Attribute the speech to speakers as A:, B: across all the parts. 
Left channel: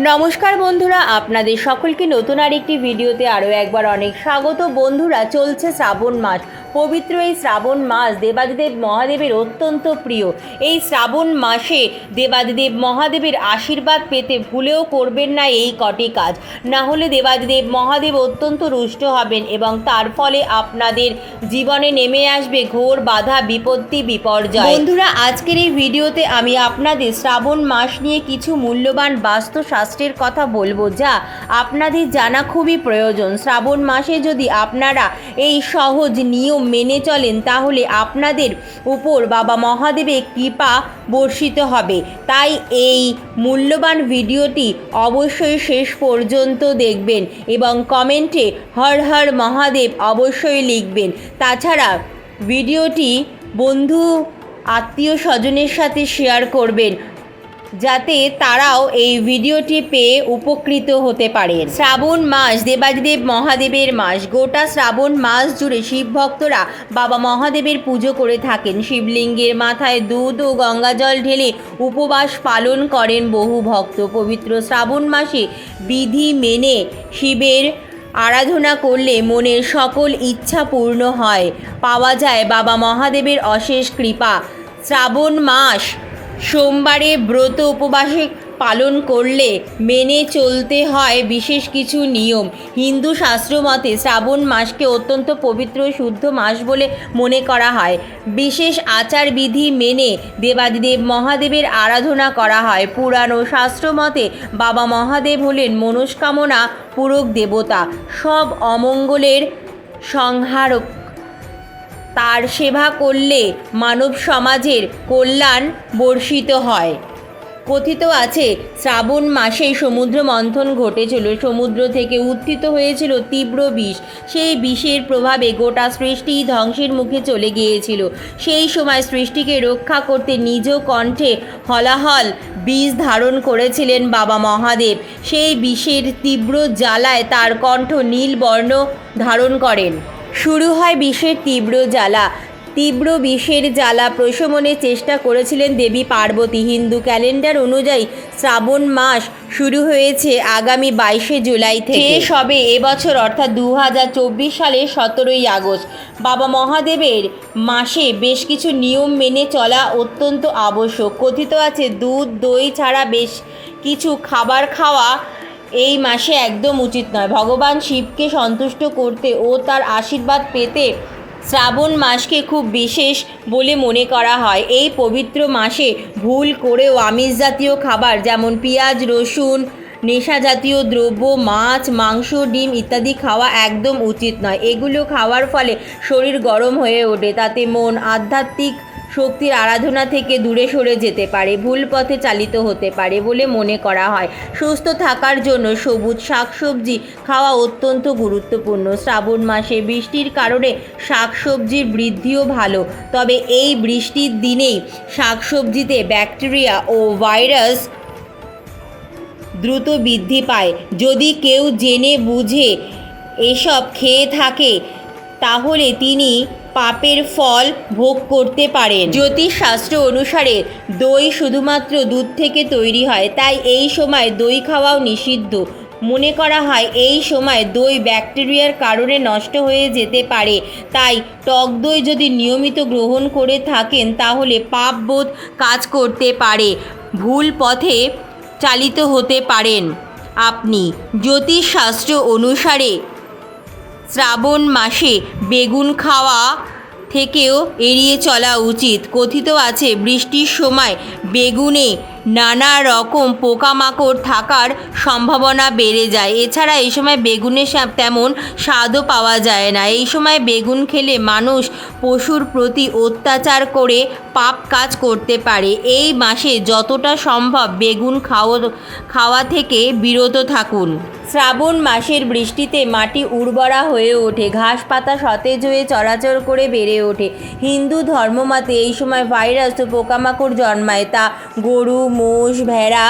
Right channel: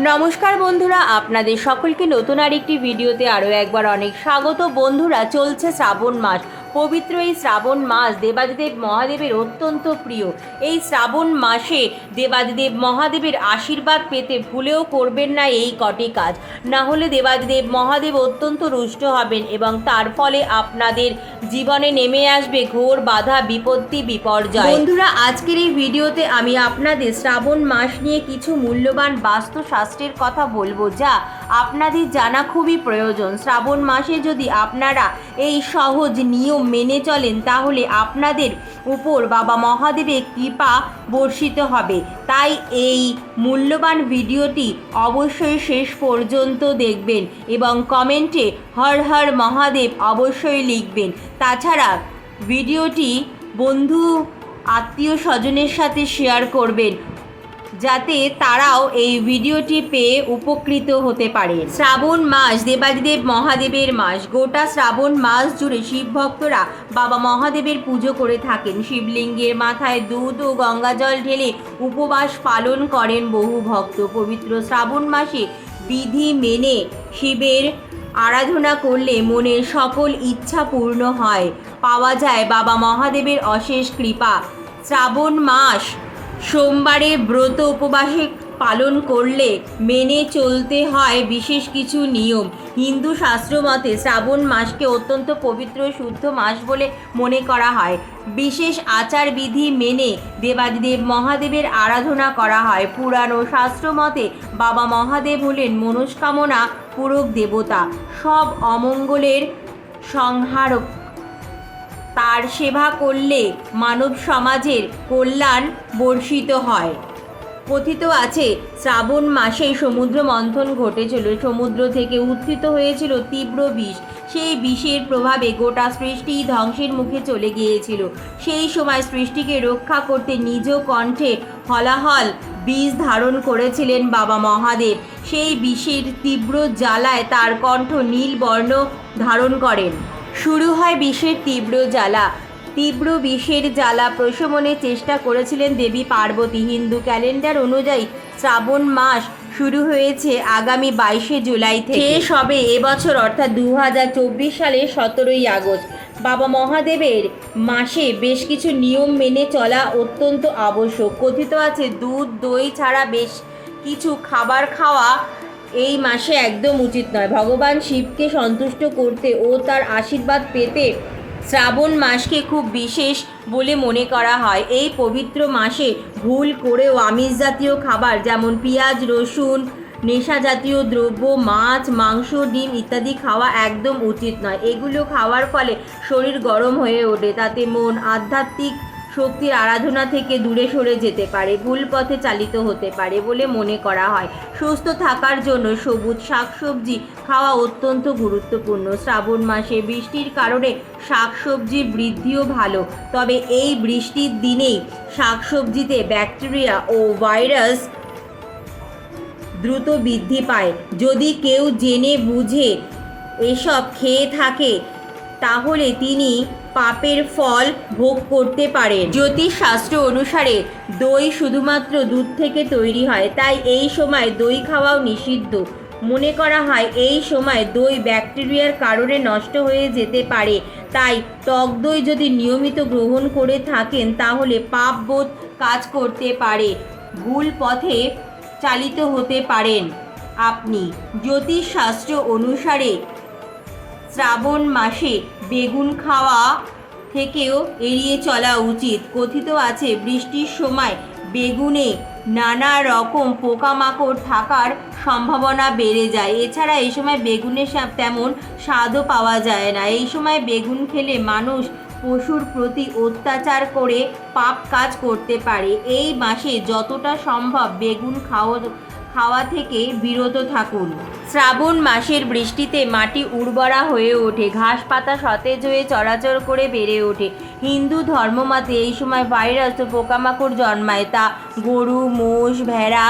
A: নমস্কার বন্ধুরা, আপনাদের সকলকে নতুন আর একটি ভিডিওতে আরও একবার অনেক স্বাগত। বন্ধুরা, চলছে শ্রাবণ মাস। পবিত্র এই শ্রাবণ মাস দেবাদিদেব মহাদেবের অত্যন্ত প্রিয়। এই শ্রাবণ মাসে দেবাদিদেব মহাদেবের আশীর্বাদ পেতে ভুলেও করবেন না এই কটি কাজ। না হলে দেবাদিদেব মহাদেব অত্যন্ত রুষ্ট হবেন এবং তার ফলে আপনাদের জীবনে নেমে আসবে ঘোর বাধা, বিপত্তি, বিপর্যয়। বন্ধুরা, আজকের এই ভিডিওতে আমি আপনাদের শ্রাবণ মাস নিয়ে কিছু মূল্যবান বাস্তুশাস্ত্রের কথা বলব যা আপনাদের জানা খুবই প্রয়োজন। শ্রাবণ মাসে যদি আপনারা এই সহজ নিয়ম মেনে চলেন, তাহলে আপনাদের উপর বাবা মহাদেবের কৃপা বর্ষিত হবে। তাই এই মূল্যবান ভিডিওটি অবশ্যই শেষ পর্যন্ত দেখবেন এবং কমেন্টে হর হর মহাদেব অবশ্যই লিখবেন। তাছাড়া ভিডিওটি বন্ধু, আত্মীয় স্বজনের সাথে শেয়ার করবেন। যাতে তারাও এই ভিডিওটি পেয়ে উপকৃত হতে পারেন। শ্রাবণ মাস, দেবাদিদেব মহাদেবের মাস, গোটা শ্রাবণ মাস জুড়ে শিব ভক্তরা বাবা মহাদেবের পুজো করে থাকেন। শিবলিঙ্গের মাথায় দুধ ও গঙ্গাজল ঢেলে উপবাস পালন করেন বহু ভক্ত। পবিত্র শ্রাবণ মাসে বিধি মেনে শিবের আরাধনা করলে মনের সকল ইচ্ছা পূর্ণ হয়। পাওয়া যায় বাবা মহাদেবের অশেষ কৃপা। শ্রাবণ মাস সোমবারে ব্রত উপবাসে পালন করলে মেনে চলতে হয় বিশেষ কিছু নিয়ম। হিন্দু শাস্ত্র মতে শ্রাবণ মাসকে অত্যন্ত পবিত্র শুদ্ধ মাস বলে মনে করা হয়। বিশেষ আচার বিধি মেনে দেবাদিদেব মহাদেবের আরাধনা করা হয়। পুরাণ ও শাস্ত্র মতে বাবা মহাদেব হলেন মনস্কামনা পূরক দেবতা। সব অমঙ্গলের সংহারক তার সেবা করলে মানব সমাজের কল্যাণ বর্ষিত হয়। কথিত আছে, শ্রাবণ মাসেই সমুদ্র মন্থন ঘটেছিল সমুদ্র থেকে উত্থিত হয়েছিল তীব্র বিষ। সেই বিষের প্রভাবে গোটা সৃষ্টি ধ্বংসের মুখে চলে গিয়েছিল। সেই সময় সৃষ্টিকে রক্ষা করতে নিজ কণ্ঠে হলাহল বিষ ধারণ করেছিলেন বাবা মহাদেব। সেই বিষের তীব্র জ্বালায় তার কণ্ঠ নীল বর্ণ ধারণ করেন। শুরু হয় বিষের তীব্র জ্বালা। তীব্র বিষের জ্বালা প্রশমনের চেষ্টা করেছিলেন দেবী পার্বতী। হিন্দু ক্যালেন্ডার অনুযায়ী শ্রাবণ মাস শুরু হয়েছে আগামী বাইশে জুলাই থেকে। শেষ হবে এবছর অর্থাৎ দু হাজার চব্বিশ সালের সতেরোই আগস্ট, বাবা মহাদেবের মাসে বেশ কিছু নিয়ম মেনে চলা অত্যন্ত আবশ্যক। কথিত আছে, দুধ, দই ছাড়া বেশ কিছু খাবার খাওয়া এই মাসে একদম উচিত নয়। ভগবান শিবকে সন্তুষ্ট করতে ও তার আশীর্বাদ পেতে শ্রাবণ মাসকে খুব বিশেষ বলে মনে করা হয়। এই পবিত্র মাসে ভুল করেও আমিষ জাতীয় খাবার যেমন পেঁয়াজ, রসুন, নেশা জাতীয় দ্রব্য, মাছ, মাংস, ডিম ইত্যাদি খাওয়া একদম উচিত নয়। এগুলো খাওয়ার ফলে শরীর গরম হয়ে ওঠে, তাতে মন আধ্যাত্মিক শক্তির আরাধনা থেকে দূরে সরে যেতে পারে, ভুল পথে চালিত হতে পারে বলে মনে করা হয়। সুস্থ থাকার জন্য সবুজ শাকসবজি খাওয়া অত্যন্ত গুরুত্বপূর্ণ। শ্রাবণ মাসে বৃষ্টির কারণে শাকসবজির বৃদ্ধিও ভালো। তবে এই বৃষ্টির দিনেই শাকসবজিতে ব্যাকটেরিয়া ও ভাইরাস দ্রুত বৃদ্ধি পায়। যদি কেউ জেনে বুঝে এসব খেয়ে থাকে তাহলে তিনি পাপের ফল ভোগ করতে পারেন। জ্যোতিষশাস্ত্র অনুসারে দই শুধুমাত্র দুধ থেকে তৈরি হয়, তাই এই সময় দই খাওয়াও নিষিদ্ধ। মনে করা হয় এই সময় দই ব্যাকটেরিয়ার কারণে নষ্ট হয়ে যেতে পারে, তাই টক দই যদি নিয়মিত গ্রহণ করে থাকেন তাহলে পাপ বোধ কাজ করতে পারে, ভুল পথে চালিত হতে পারেন। আপনি জ্যোতিষশাস্ত্র অনুসারে শ্রাবণ মাসে বেগুন খাওয়া থেকেও এড়িয়ে চলা উচিত। কথিত আছে, বৃষ্টির সময় বেগুনে নানা রকম পোকামাকড় থাকার সম্ভাবনা বেড়ে যায়। এছাড়া এই সময় বেগুনের সা- তেমন স্বাদও পাওয়া যায় না। এই সময় বেগুন খেলে মানুষ পশুর প্রতি অত্যাচার করে পাপ কাজ করতে পারে। এই মাসে যতটা সম্ভব বেগুন খাওয়া খাওয়া থেকে বিরত থাকুন। শ্রাবণ মাসের বৃষ্টিতে মাটি উর্বরা হয়ে ওঠে। ঘাস পাতা সতেজ হয়ে চলাচল করে বেড়ে ওঠে। হিন্দু ধর্মমতে এই সময় ভাইরাস ও পোকামাকড় জন্মায়। তা গরু, মোষ, ভেড়া,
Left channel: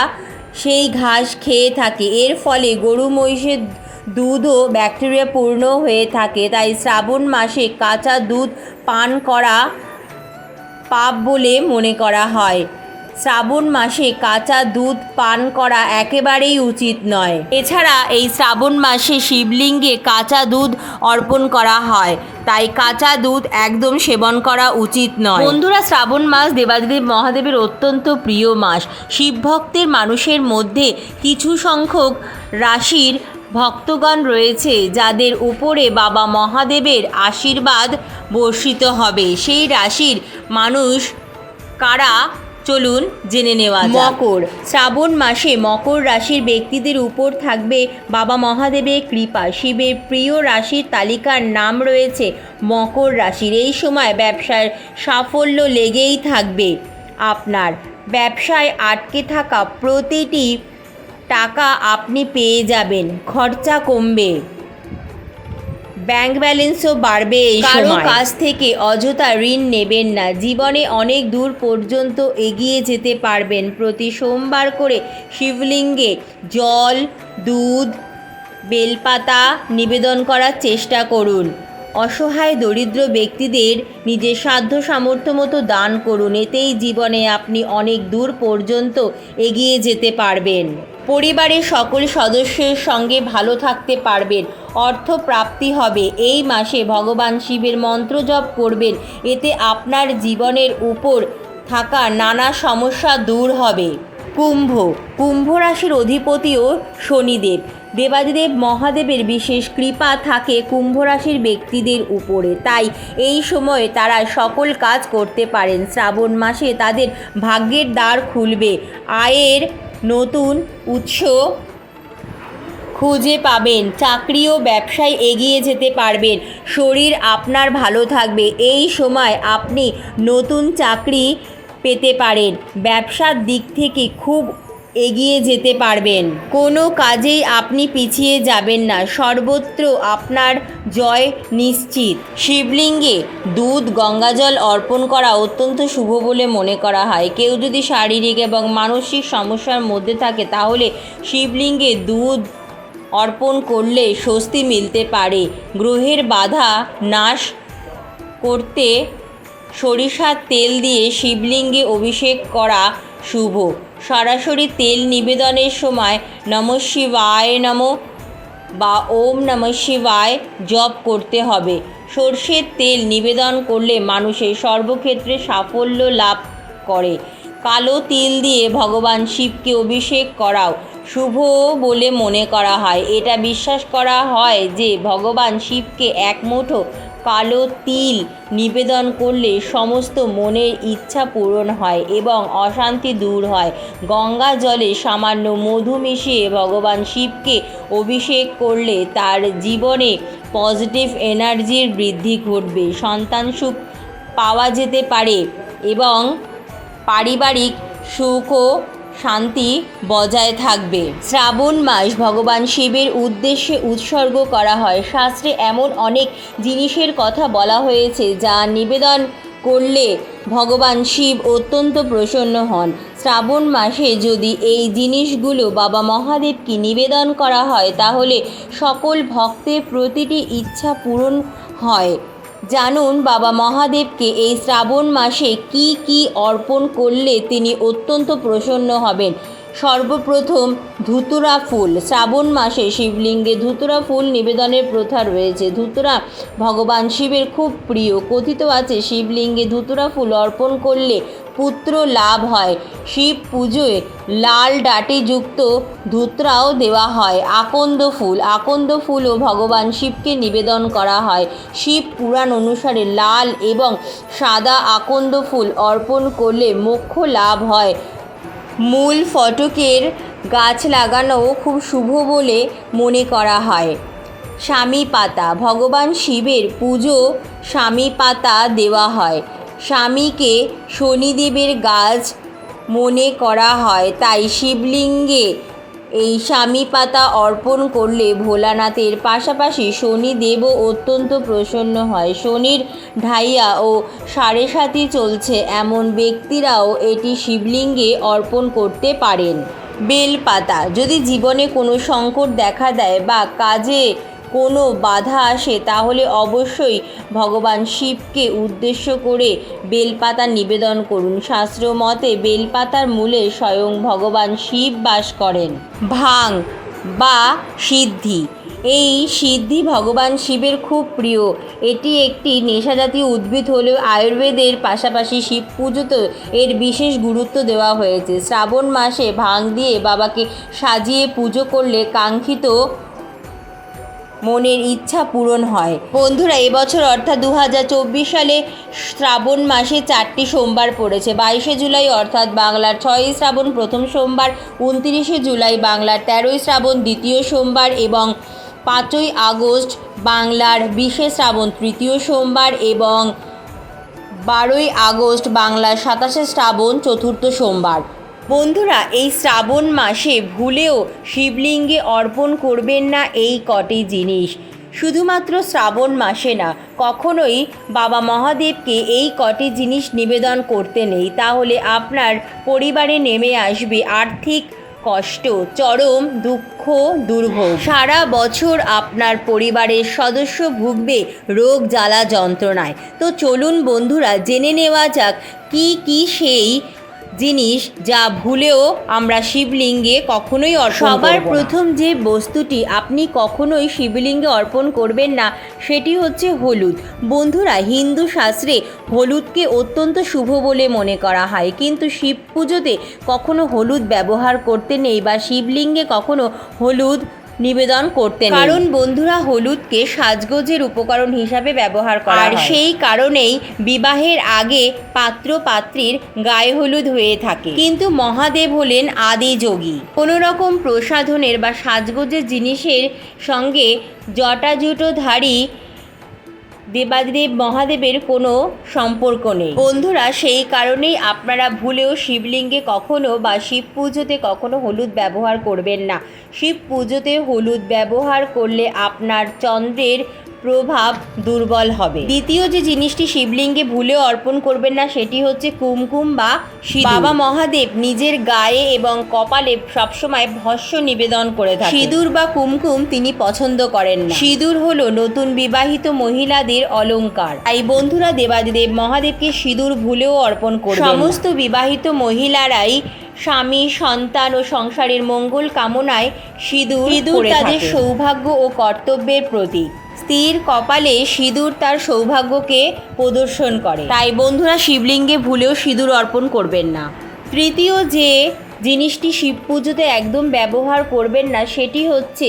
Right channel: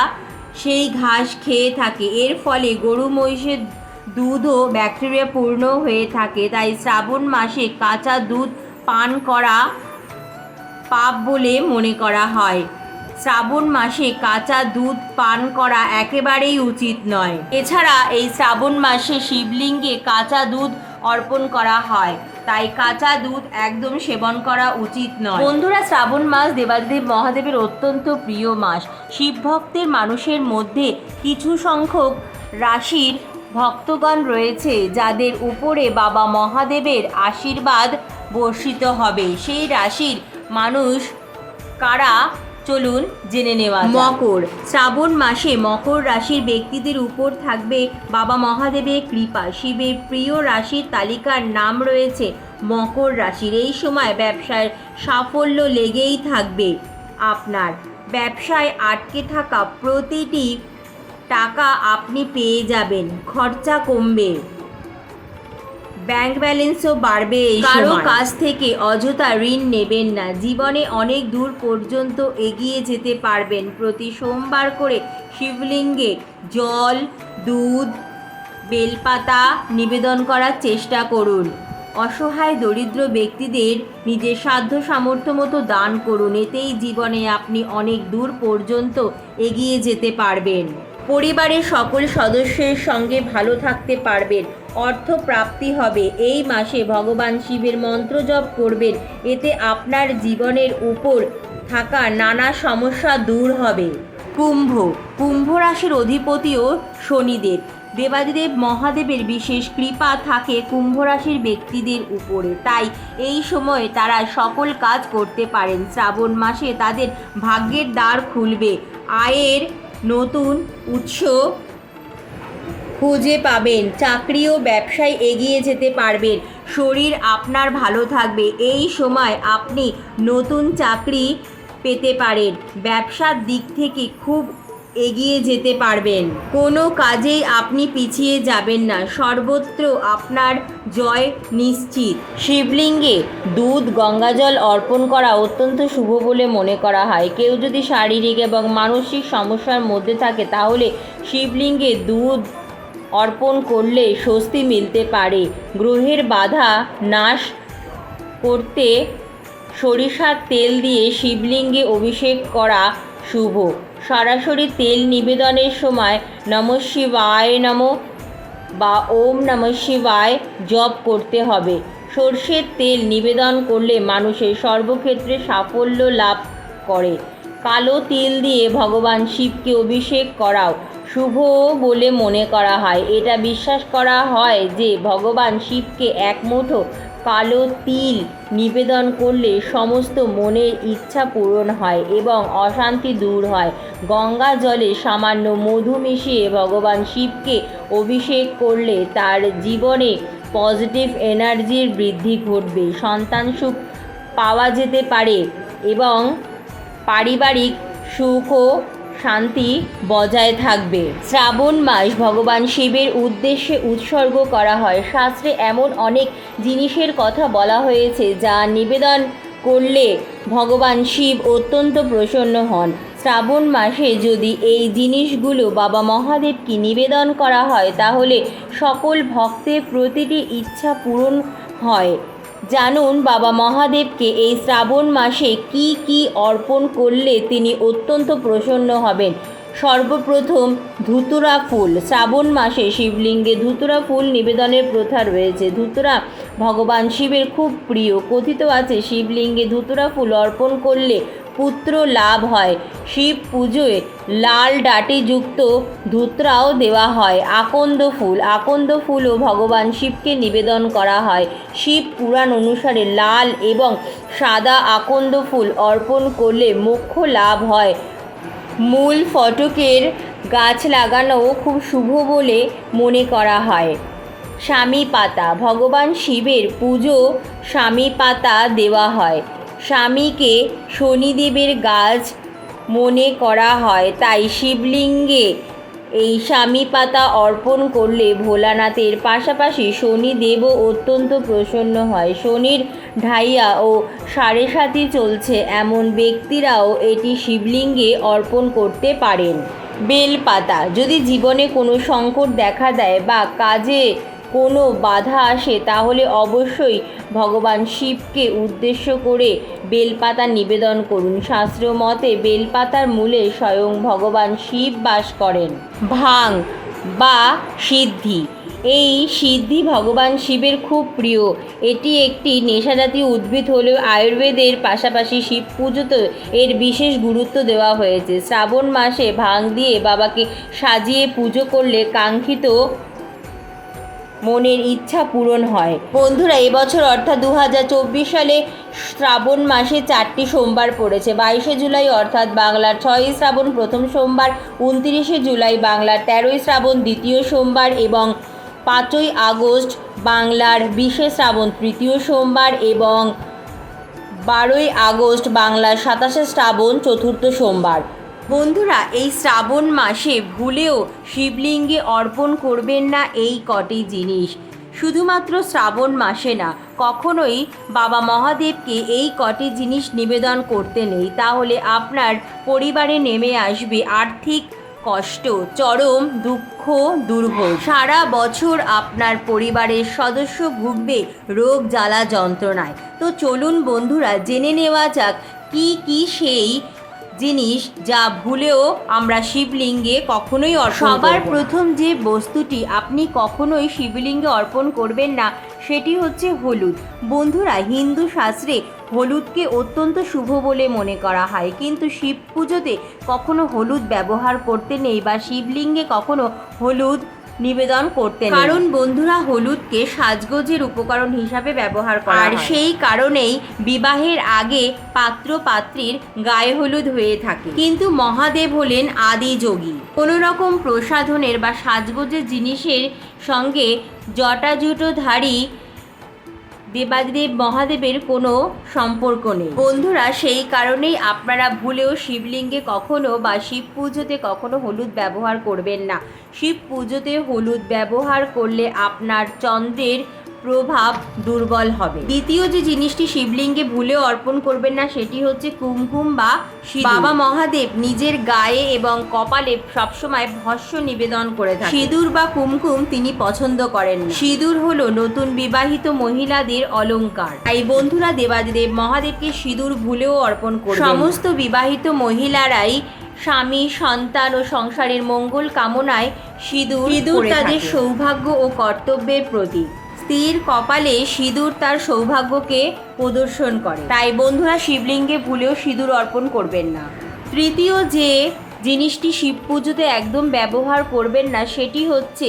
A: সেই ঘাস খেয়ে থাকে। এর ফলে গরু, মহিষের দুধও ব্যাকটেরিয়া পূর্ণ হয়ে থাকে। তাই শ্রাবণ মাসে কাঁচা দুধ পান করা পাপ বলে মনে করা হয়। শ্রাবণ মাসে কাঁচা দুধ পান করা একেবারেই উচিত নয়। এছাড়া এই শ্রাবণ মাসে শিবলিঙ্গে কাঁচা দুধ অর্পণ করা হয়। তাই কাঁচা দুধ একদম সেবন করা উচিত নয়। বন্ধুরা, শ্রাবণ মাস দেবাদিদেব মহাদেবের অত্যন্ত প্রিয় মাস। শিব ভক্তের মানুষের মধ্যে কিছু সংখ্যক রাশির ভক্তগণ রয়েছে যাদের উপরে বাবা মহাদেবের আশীর্বাদ বর্ষিত হবে। সেই রাশির মানুষ কারা? চলুন জেনে নেওয়া মকর। শ্রাবণ মাসে মকর রাশির ব্যক্তিদের উপর থাকবে বাবা মহাদেবের কৃপা। শিবের প্রিয় রাশির তালিকার নাম রয়েছে মকর রাশির। এই সময় ব্যবসার সাফল্য লেগেই থাকবে। আপনার ব্যবসায় আটকে থাকা প্রতিটি টাকা আপনি পেয়ে যাবেন। খরচা কমবে। ব্যাংক ব্যালেন্সও বাড়বে এই কারও কাছ থেকে অযথা ঋণ নেবেন না। জীবনে অনেক দূর পর্যন্ত এগিয়ে যেতে পারবেন। প্রতি সোমবার করে শিবলিঙ্গে জল দুধ বেলপাতা নিবেদন করার চেষ্টা করুন। অসহায় দরিদ্র ব্যক্তিদের নিজের সাধ্য সামর্থ্য মতো দান করুন। এতেই জীবনে আপনি অনেক দূর পর্যন্ত এগিয়ে যেতে পারবেন। পরিবারের সকল সদস্যের সঙ্গে ভালো থাকতে পারবেন। অর্থ প্রাপ্তি হবে। এই মাসে ভগবান শিবের মন্ত্র জপ করবেন। এতে আপনার জীবনের উপর থাকা নানা সমস্যা দূর হবে। কুম্ভ। কুম্ভ রাশির অধিপতিও শনিদেব। দেবাদিদেব মহাদেবের বিশেষ কৃপা থাকে কুম্ভ রাশির ব্যক্তিদের উপরে। তাই এই সময়ে তারা সকল কাজ করতে পারেন। শ্রাবণ মাসে তাদের ভাগ্যের দ্বার খুলবে। আয়ের নতুন উৎস খুঁজে পাবেন, চাকরি ও ব্যবসায় এগিয়ে যেতে পারবেন, শরীর আপনার ভালো থাকবে, এই সময় আপনি নতুন চাকরি পেতে পারেন। ব্যবসার দিক থেকে খুব এগিয়ে যেতে পারবেন। কোনো কাজেই আপনি পিছিয়ে যাবেন না। সর্বত্র আপনার জয় নিশ্চিত। শিবলিঙ্গে দুধ, গঙ্গাজল অর্পণ করা অত্যন্ত শুভ বলে মনে করা হয়। কেউ যদি শারীরিক এবং মানসিক সমস্যার মধ্যে থাকে, তাহলে শিবলিঙ্গে দুধ অর্পণ করলে স্বস্তি মিলতে পারে। গ্রহের বাধা নাশ করতে সরিষার তেল দিয়ে শিবলিঙ্গে অভিষেক করা শুভ। সরাসরি তেল নিবেদনের সময় নম শিবায় নম বা ওম নম শিবায় জপ করতে হবে। সর্ষের তেল নিবেদন করলে মানুষের সর্বক্ষেত্রে সাফল্য লাভ করে। কালো তিল দিয়ে ভগবান শিবকে অভিষেক করাও শুভ বলে মনে করা হয়। এটা বিশ্বাস করা হয় যে ভগবান শিবকে এক মুঠো কালো তিল নিবেদন করলে সমস্ত মনের ইচ্ছা পূরণ হয় এবং অশান্তি দূর হয়। গঙ্গা জলে সামান্য মধু মিশিয়ে ভগবান শিবকে অভিষেক করলে তার জীবনে পজিটিভ এনার্জির বৃদ্ধি ঘটবে। সন্তান সুখ পাওয়া যেতে পারে এবং পারিবারিক সুখ ও শান্তি বজায় থাকবে। শ্রাবণ মাস ভগবান শিবের উদ্দেশ্যে উৎসর্গ করা হয়। শাস্ত্রে এমন অনেক জিনিসের কথা বলা হয়েছে যা নিবেদন করলে ভগবান শিব অত্যন্ত প্রসন্ন হন। শ্রাবণ মাসে যদি এই জিনিসগুলো বাবা মহাদেবকে নিবেদন করা হয়, তাহলে সকল ভক্তের প্রতিটি ইচ্ছা পূরণ হয়। জানুন বাবা মহাদেবকে এই শ্রাবণ মাসে কি কি অর্পণ করলে তিনি অত্যন্ত প্রসন্ন হবেন। সর্বপ্রথম ধুতুরা ফুল। শ্রাবণ মাসে শিবলিঙ্গে ধুতুরা ফুল নিবেদনের প্রথা রয়েছে। ধুতুরা ভগবান শিবের খুব প্রিয়। কথিত আছে, শিবলিঙ্গে ধুতুরা ফুল অর্পণ করলে পুত্র লাভ হয়। শিব পুজোয় লাল ডাটিযুক্ত ধুতরাও দেওয়া হয়। আকন্দ ফুল, আকন্দ ফুলও ভগবান শিবকে নিবেদন করা হয়। শিব পুরাণ অনুসারে লাল এবং সাদা আকন্দ ফুল অর্পণ করলে মোক্ষ লাভ হয়। মূল ফটকের গাছ লাগানোও খুব শুভ বলে মনে করা হয়। স্বামী পাতা ভগবান শিবের পুজো স্বামী পাতা দেওয়া হয়। স্বামীকে শনিদেবের গাছ মনে করা হয়, তাই শিবলিঙ্গে এই স্বামী পাতা অর্পণ করলে ভোলানাথের পাশাপাশি শনিদেবও অত্যন্ত প্রসন্ন হয়। শনির ঢাইয়া ও সাড়ে সাতি চলছে, এমন ব্যক্তিরাও এটি শিবলিঙ্গে অর্পণ করতে পারেন। বেলপাতা, যদি জীবনে কোনো সংকট দেখা দেয় বা কাজে কোনো বাধা আসে, তাহলে অবশ্যই ভগবান শিবকে উদ্দেশ্য করে বেলপাতা নিবেদন করুন। শাস্ত্র মতে বেলপাতার মূলে স্বয়ং ভগবান শিব বাস করেন। ভাং বা সিদ্ধি। এই সিদ্ধি ভগবান শিবের খুব প্রিয়। এটি একটি নেশাজাতীয় উদ্ভিদ হলেও আয়ুর্বেদের পাশাপাশি শিব পুজোতে এর বিশেষ গুরুত্ব দেওয়া হয়েছে। শ্রাবণ মাসে ভাং দিয়ে বাবাকে সাজিয়ে পুজো করলে কাঙ্ক্ষিত মনের ইচ্ছা পূরণ হয়। বন্ধুরা, এবছর অর্থাৎ দু হাজার চব্বিশ সালে শ্রাবণ মাসে চারটি সোমবার পড়েছে। বাইশে জুলাই অর্থাৎ বাংলার ছয়ই শ্রাবণ প্রথম সোমবার, উনত্রিশে জুলাই বাংলার তেরোই শ্রাবণ দ্বিতীয় সোমবার এবং পাঁচই আগস্ট বাংলার বিশে শ্রাবণ তৃতীয় সোমবার এবং বারোই আগস্ট বাংলার সাতাশে শ্রাবণ চতুর্থ সোমবার। বন্ধুরা, এই শ্রাবণ মাসে ভুলেও শিবলিঙ্গে অর্পণ করবেন না এই কটি জিনিস। শুধুমাত্র শ্রাবণ মাসে না, কখনোই বাবা মহাদেবকে এই কটি জিনিস নিবেদন করতে নেই। তাহলে আপনার পরিবারে নেমে আসবে আর্থিক কষ্ট, চরম দুঃখ, দুর্ভোগ। সারা বছর আপনার পরিবারের সদস্য ভুগবে রোগ জ্বালা যন্ত্রণায়। তো চলুন বন্ধুরা, জেনে নেওয়া যাক কি কি সেই জিনিস যা ভুলেও আমরা শিবলিঙ্গে কখনোই সবার প্রথম যে বস্তুটি আপনি কখনোই শিবলিঙ্গে অর্পণ করবেন না, সেটি হচ্ছে হলুদ। বন্ধুরা, হিন্দু শাস্ত্রে হলুদকে অত্যন্ত শুভ বলে মনে করা হয়। কিন্তু শিব পুজোতে কখনো হলুদ ব্যবহার করতে নেই বা শিবলিঙ্গে কখনো হলুদ নিবেদন করতে কারণ বন্ধুরা হলুদকে সাজগোজের উপকরণ হিসাবে ব্যবহার করা আর সেই কারণেই বিবাহের আগে পাত্র পাত্রীর গায়ে হলুদ হয়ে থাকে। কিন্তু মহাদেব হলেন আদি যোগী। কোনো রকম প্রসাধনের বা সাজগোজের জিনিসের সঙ্গে জটাজুটোধারী দেবাদেব মহাদেবের কোনো সম্পর্ক নেই। বন্ধুরা, সেই কারণেই আপনারা ভুলেও শিবলিঙ্গে কখনো বা শিব পুজোতে কখনো হলুদ ব্যবহার করবেন না। শিব পুজোতে হলুদ ব্যবহার করলে আপনার চন্দ্রের প্রভাব দুর্বল হবে। দ্বিতীয় যে জিনিসটি শিবলিঙ্গে ভুলেও অর্পণ করবেন না সেটি হচ্ছে কুমকুম বা বাবা মহাদেব নিজের গায়ে এবং কপালে সবসময় ভস্য নিবেদন করে থাকেন। সিঁদুর বা কুমকুম তিনি পছন্দ করেন না। সিঁদুর হলো নতুন বিবাহিত মহিলাদের অলংকার। তাই বন্ধুরা দেবাদিদেব মহাদেবকে সিঁদুর ভুলেও অর্পণ করবেন সমস্ত বিবাহিত মহিলারাই স্বামী সন্তান ও সংসারের মঙ্গল কামনায় সিঁদুর সিঁদুর তাদের সৌভাগ্য ও কর্তব্যের প্রতীক। স্ত্রীর কপালে সিঁদুর তার সৌভাগ্যকে প্রদর্শন করে। তাই বন্ধুরা শিবলিঙ্গে ভুলেও সিঁদুর অর্পণ করবেন না। তৃতীয় যে জিনিসটি শিব পুজোতে একদম ব্যবহার করবেন না, সেটি হচ্ছে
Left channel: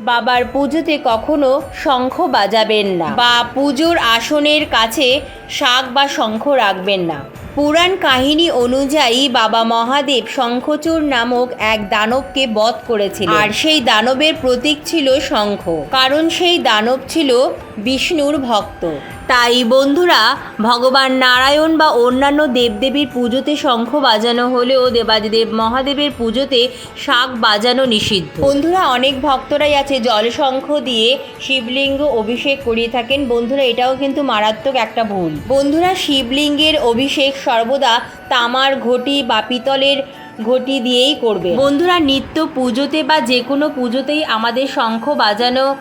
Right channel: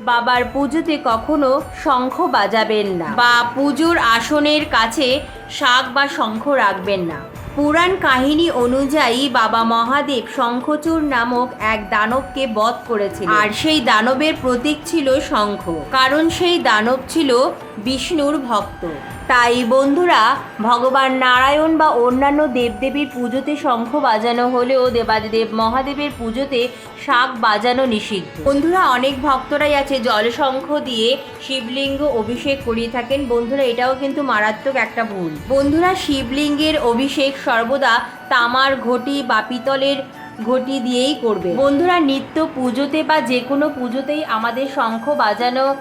A: বাবার পুজোতে কখনো শঙ্খ বাজাবেন না বা পুজোর আসনের কাছে শাক বা শঙ্খ রাখবেন না। পুরাণ কাহিনী অনুযায়ী বাবা মহাদেব শঙ্খচূড় নামক এক দানবকে বধ করেছিল আর সেই দানবের প্রতীক ছিল শঙ্খ। কারণ সেই দানব ছিল বিষ্ণুর ভক্ত। তাই বন্ধুরা, ভগবান নারায়ণ বা অন্যান্য দেবদেবীর পুজোতে শঙ্খ বাজানো হলেও দেবাদিদেব মহাদেবের পুজোতে শাক বাজানো নিষিদ্ধ। বন্ধুরা, অনেক ভক্তরাই আছে জলশঙ্খ দিয়ে শিবলিঙ্গ অভিষেক করিয়ে থাকেন। বন্ধুরা, এটাও কিন্তু মারাত্মক একটা ভুল। বন্ধুরা, শিবলিঙ্গের অভিষেক সর্বদা তামার ঘটি বা পিতলের ঘটি দিয়েই করবে। বন্ধুরা, নিত্য পুজোতে বা যে কোনো পুজোতেই আমাদের শঙ্খ বাজানো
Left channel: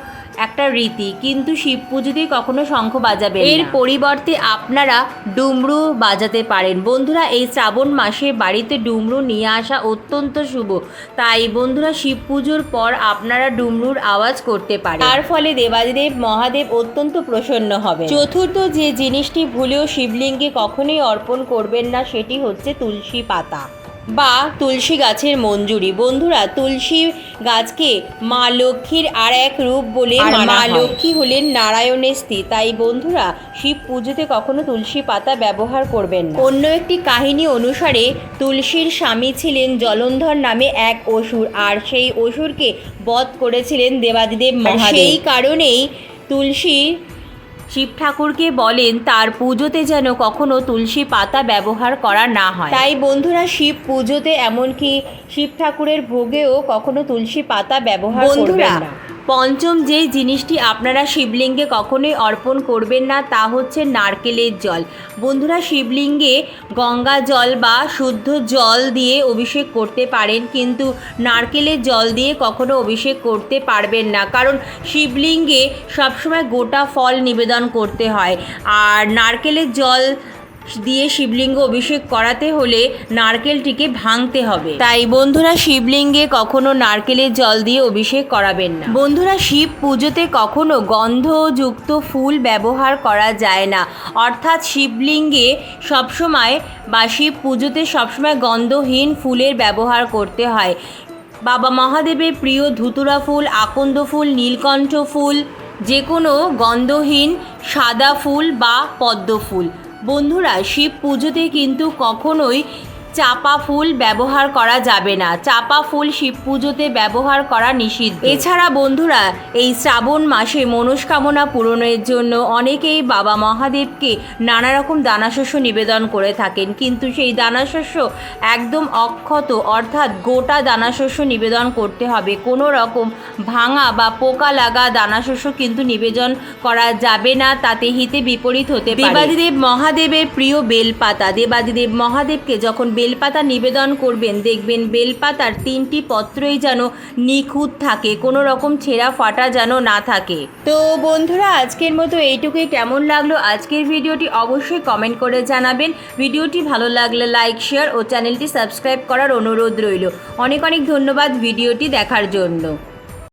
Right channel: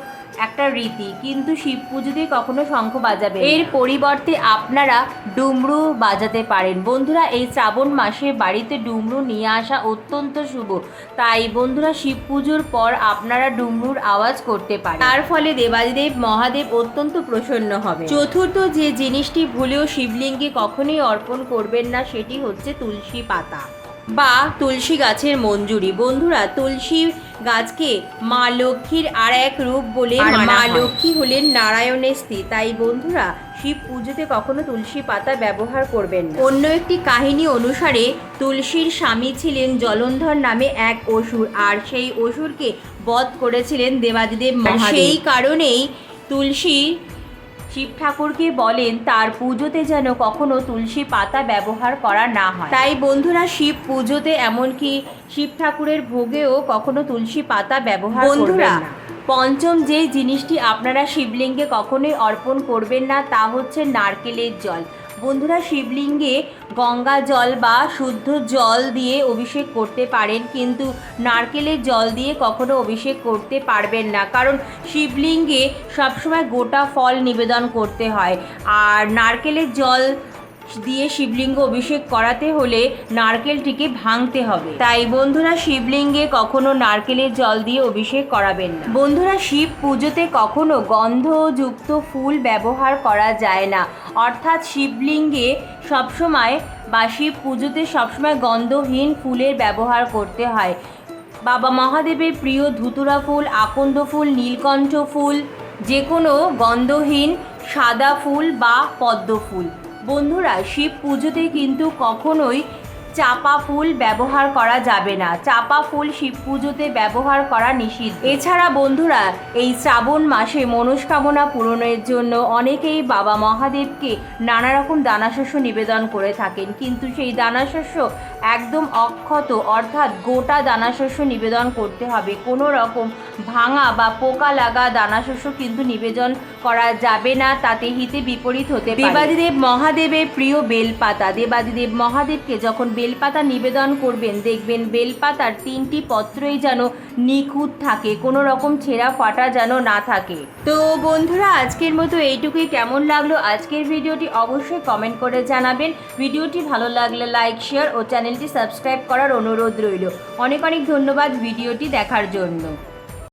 A: একটা রীতি, কিন্তু শিব পুজোতে কখনো শঙ্খ বাজাবে এর পরিবর্তে আপনারা ডুমরু বাজাতে পারেন। বন্ধুরা, এই শ্রাবণ মাসে বাড়িতে ডুমরু নিয়ে আসা অত্যন্ত শুভ। তাই বন্ধুরা, শিব পুজোর পর আপনারা ডুমরুর আওয়াজ করতে পারেন। তার ফলে দেবাদিদেব, মহাদেব অত্যন্ত প্রসন্ন হবে চতুর্থ যে জিনিসটি ভুলেও শিবলিঙ্গে কখনোই অর্পণ করবেন না, সেটি হচ্ছে তুলসী পাতা। বা তুলসী গাছের মঞ্জুরি। বন্ধুরা তুলসী গাছকে মা লক্ষ্মীর আর এক রূপ বলে মা লক্ষ্মী হলেন নারায়ণের স্ত্রী তাই বন্ধুরা শিব পুজোতে কখনো তুলসী পাতা ব্যবহার করবেন অন্য একটি কাহিনী অনুসারে তুলসীর স্বামী ছিলেন জলন্ধর নামে এক অসুর আর সেই অসুরকে বধ করেছিলেন দেবাদিদেব সেই কারণেই তুলসী শিব ঠাকুরকে বলেন তার পুজোতে যেন কখনো তুলসী পাতা ব্যবহার করা না হয়। তাই বন্ধুরা শিব পুজোতে এমনকি শিব ঠাকুরের ভোগেও কখনো তুলসী পাতা ব্যবহার করবেন না। পঞ্চম যেই জিনিসটি আপনারা শিবলিঙ্গে কখনোই অর্পণ করবেন না, তা হচ্ছে নারকেলের জল। বন্ধুরা, শিবলিঙ্গে গঙ্গা জল বা শুদ্ধ জল দিয়ে অভিষেক করতে পারেন, কিন্তু নারকেলের জল দিয়ে কখনো অভিষেক করতে পারবেন না। কারণ শিবলিঙ্গে সবসময় গোটা ফল নিবেদন করতে হয়। আর নারকেলের জল দিয়ে শিবলিঙ্গ অভিষেক করাতে হলে নারকেলটিকে ভাঙতে হবে। তাই বন্ধুরা শিবলিঙ্গে কখনো নারকেলের জল দিয়ে অভিষেক করাবেন না। বন্ধুরা শিব পুজোতে কখনো গন্ধযুক্ত ফুল ব্যবহার করা যায় না। অর্থাৎ শিবলিঙ্গে সবসময় বা শিব পুজোতে সবসময় গন্ধহীন ফুলের ব্যবহার করতে হয়। বাবা মহাদেবের প্রিয় ধুতুরা ফুল, আকন্দ ফুল, নীলকণ্ঠ ফুল যে কোনো গন্ধহীন সাদা ফুল বা পদ্ম ফুল। বন্ধুরা শিব পুজোতে কিন্তু কখনোই চাপা ফুল ব্যবহার করা যাবে না। চাপা ফুল শিব পুজোতে ব্যবহার করা নিষিদ্ধ। এছাড়া বন্ধুরা, এই শ্রাবণ মাসে মনস্কামনা পূরণের জন্য অনেকেই বাবা মহাদেবকে নানা রকম দানাশস্য নিবেদন করে থাকেন। কিন্তু সেই দানাশস্য একদম অক্ষত, অর্থাৎ গোটা দানাশস্য নিবেদন করতে হবে। কোনো রকম ভাঙা বা পোকা লাগা দানাশস্য কিন্তু নিবেদন করা যাবে না, তাতে হিতে বিপরীত হতে দেবাদিদেব মহাদেবের প্রিয় বেলপাতা। দেবাদিদেব মহাদেবকে যখন বেলপাতা নিবেদন করবেন। দেখবেন বেলপাতার তিনটি পত্রই যেন নিখুঁত থাকে, কোনো রকম ছেঁড়া ফাটা যেন না থাকে। তো বন্ধুরা, আজকের মতো এইটুকুই। কেমন লাগল আজকের ভিডিওটি অবশ্যই কমেন্ট করে জানাবেন। ভিডিওটি ভালো লাগলে লাইক, শেয়ার ও চ্যানেলটি সাবস্ক্রাইব করার অনুরোধ রইল। অনেক অনেক ধন্যবাদ ভিডিওটি দেখার জন্য।